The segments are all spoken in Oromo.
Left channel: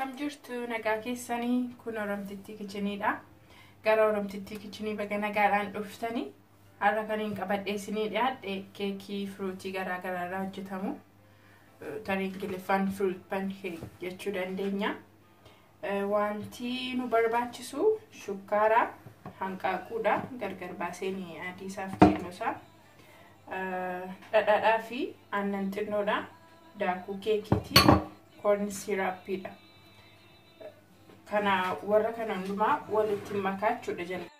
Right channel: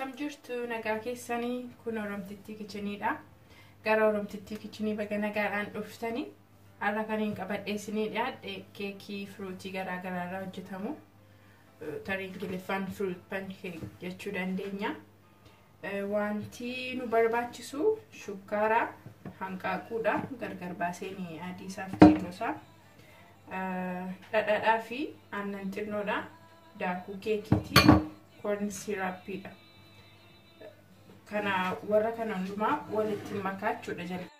Akkam jirtu nagaa keessanii kun Oromtiti Kitchenidha. Gara Oromtiti Kitchenii baga nagaadhaan dhuftanii har'a kan hin qabadhee isinii dhiyaadhe keekii frutii garaa garaarraa hojjetamu. Tarii Ingiliffaan fruit pancake jechuu dandeenya. Wanti nu barbaachisu shukkaara, hanqaaquudha, gargar baasanii adii isaaf keelloosaa, dhadhaadhaa fi aannan xinnoodha, daakuu keekiitii, corn syrupidha. Kana warra kana hundumaa walitti makaachuudha jalqaba.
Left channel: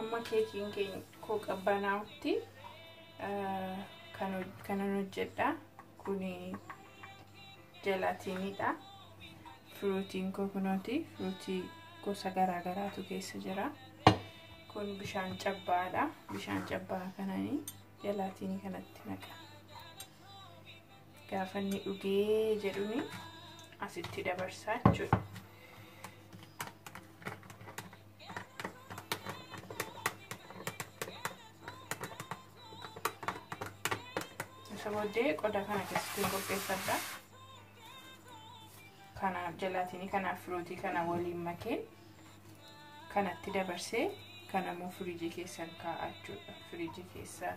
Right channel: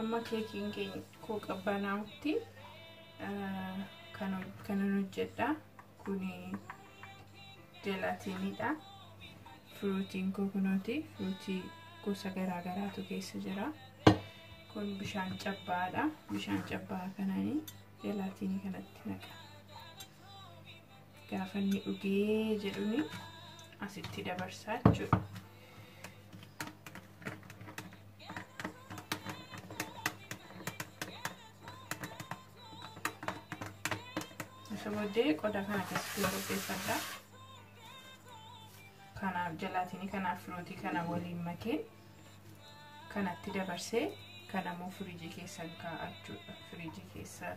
Amma keekiin keenya koo qabbanaa'utti kan hojjedha. Kuni jelaatiinidha. Fruutiin kokonaati. Fruutii gosa garaa garaatu keessa jira. Kun bishaan cabbaadha. Bishaan cabbaa kananii jelaatiinii kanatti naqa. Gaafa inni dhugee jedhuni asitti dabarsaa jechuudha. Sabodee qoda kana keessatti qopheeffadha. Kanaaf jelaatiinii kanaaf fruutii kana waliin makee kanatti dabarsee kanammoo firiijii keessan kaa'achuudha. Firiijii keessa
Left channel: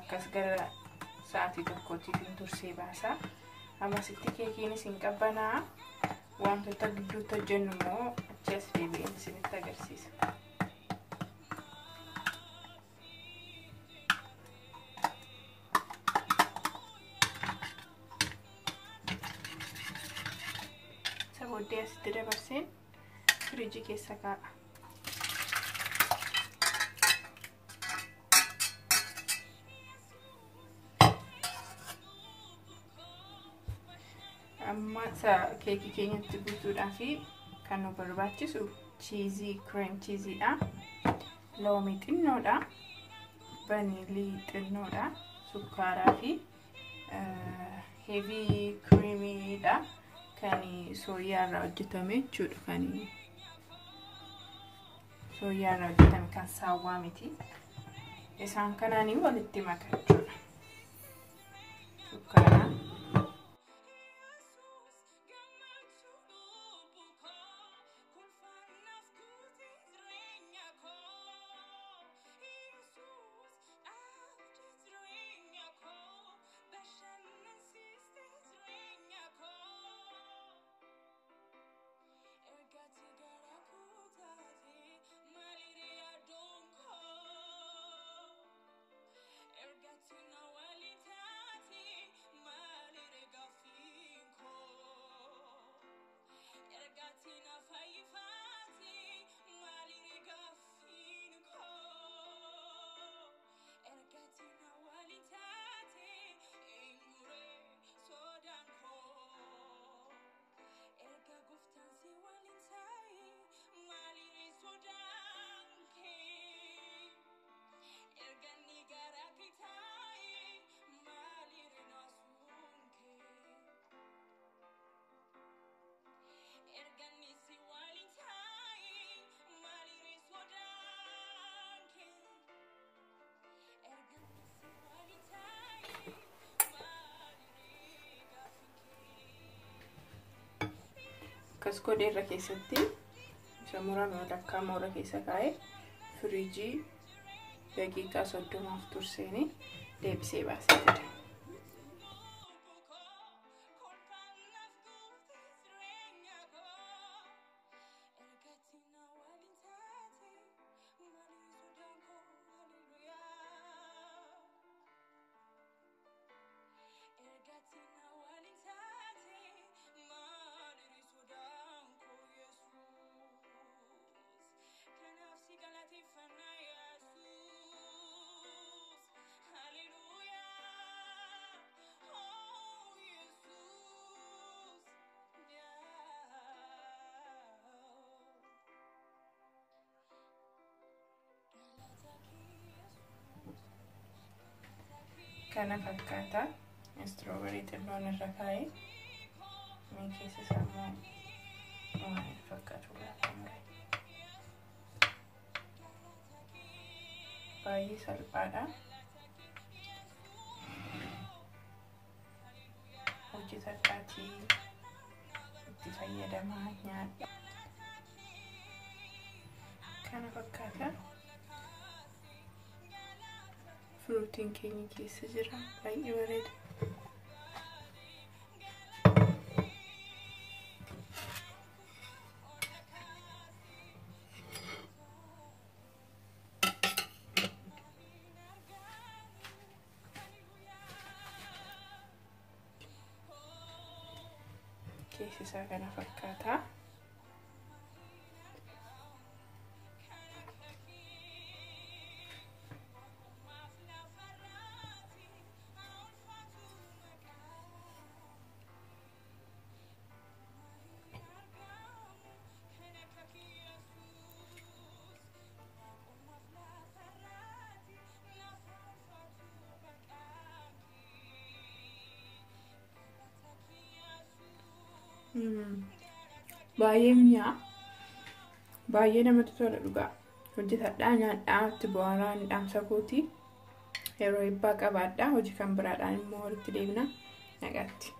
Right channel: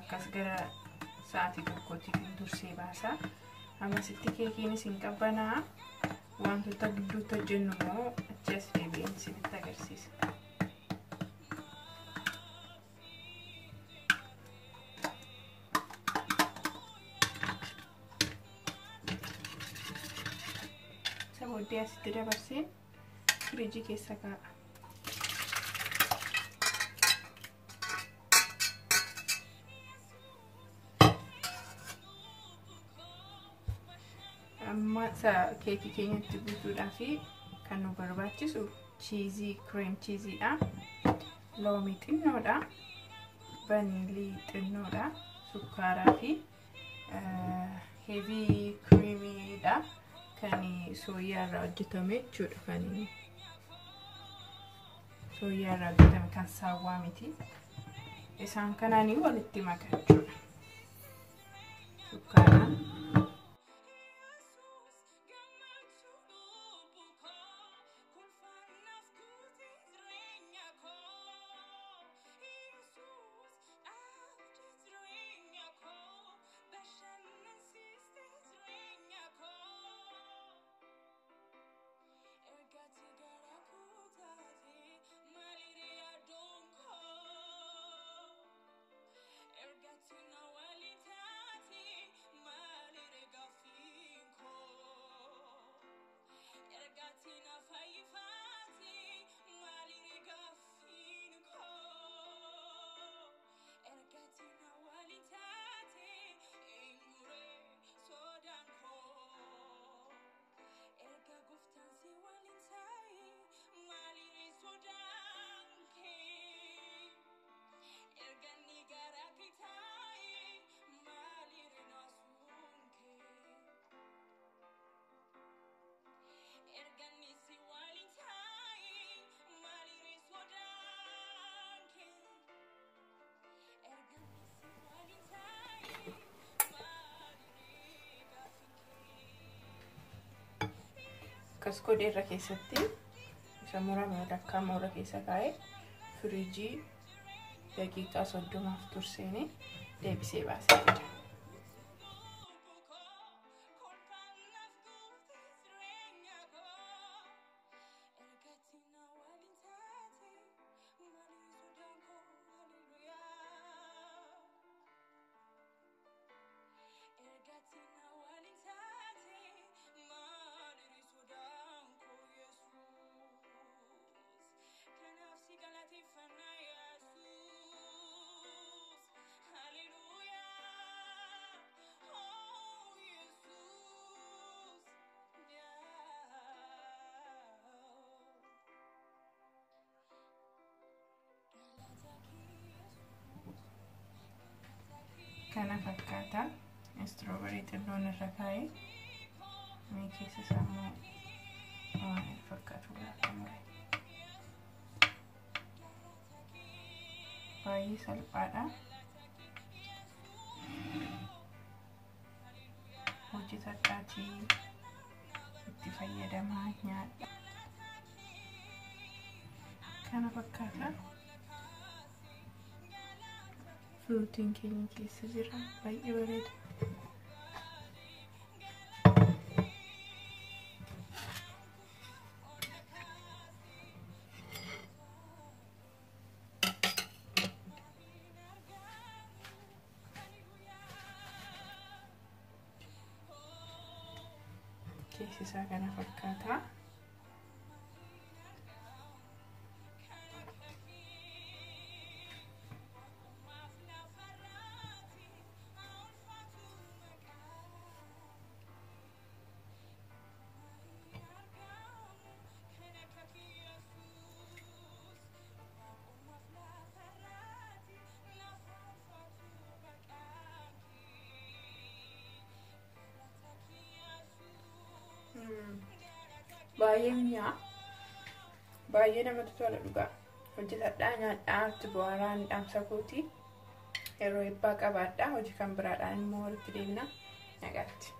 akkas gara sa'aatii tokkotti tursee baasaa. Ammasitti keekiinis hin qabbanaa. Wantoota gidduutti hojjennu immoo achi as deebi'een isinitti agarsiisa. Sabodee asitti dabarseen firiijii keessa kaa'a. Amma keekii keenyatti guutuudhaaf kan nu barbaachisu cheesii, cream cheesiidha, loomii xinnoodha, vaniilii xinnoodha, sukkaaraa fi heavy creamidha. Kan sooyaa irraa hojjetame jechuudha. Kan sooyaa irraa hojjetame kan saawwaa miti. Isaan kanaanii walitti makachuudha. Sukkaaraan akkas godhee irra keessatti isa murame lakkaa moora keessa kaa'ee firiijii daqiiqaa 30 turseeni deebisee baasee jira. kana fakkaata. Strawberry xilloon irra kaa'ee mee keessa isaa waan fakkaatu laatamu. Baay'ee salphaadha. Hojjetadhaatii itti fayyadamaa nyaadha. Kana fakkaata. Fruitiin keenya keessa jira. Baay'ee bareeda. Keessi isaa kana fakkaata. Baay'ee mi'aa. Baay'ee namatti tola dhugaa. Hojjetadhaa nyaadhaa itti bu'aaraan dhaamsa kooti. Yeroo eebbaa qabaadhaa. Hojii kan biraadhaan immoo walitti deebina. Nagaatti.